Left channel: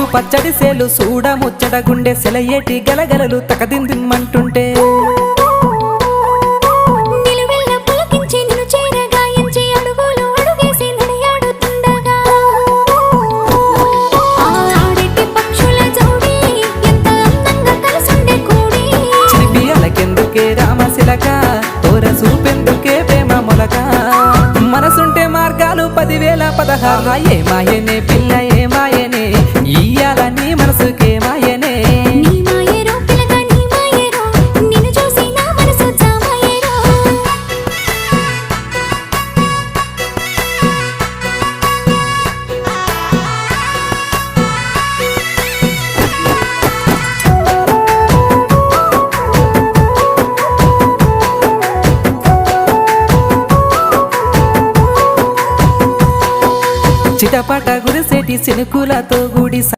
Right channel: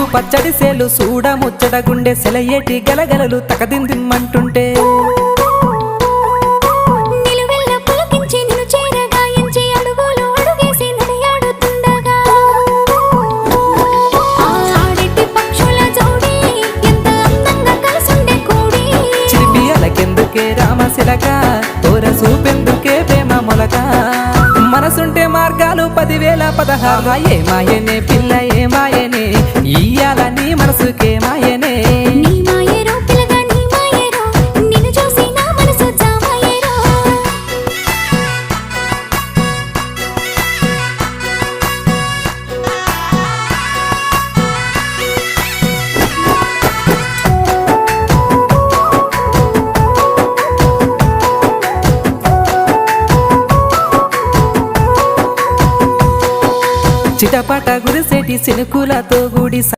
ముద్దు పచ్చడి సేలు సూడ ముచ్చట గుండె సెలయేటి గలగలలు తకదిందిమ్మంటుంటే నిలువెల్ల పులకించి నిన్ను చేరగాయించి అడుగులు అడుగేసి నడియాడుతుండగా ఆడెట్టి పక్షుల జోడి ఎంత అందంగా కలుసుండే కూడి చిలిపి అలకెందుకే రామశిలక తోర సూపెందుకే ప్రేమ మొలక మనసుంటే మార్గాలు 10,016 ఏ మాయనే పిల్ల ఏ మాయనే ఇయ్యాల నీ మనసుకే మాయనే నీ మాయేరో పిల్లగా నీ మాయేరో నిన్ను చూసి నా మనసు జామాయేరో చిటపట గురిసేటి సినుకులతో గుడి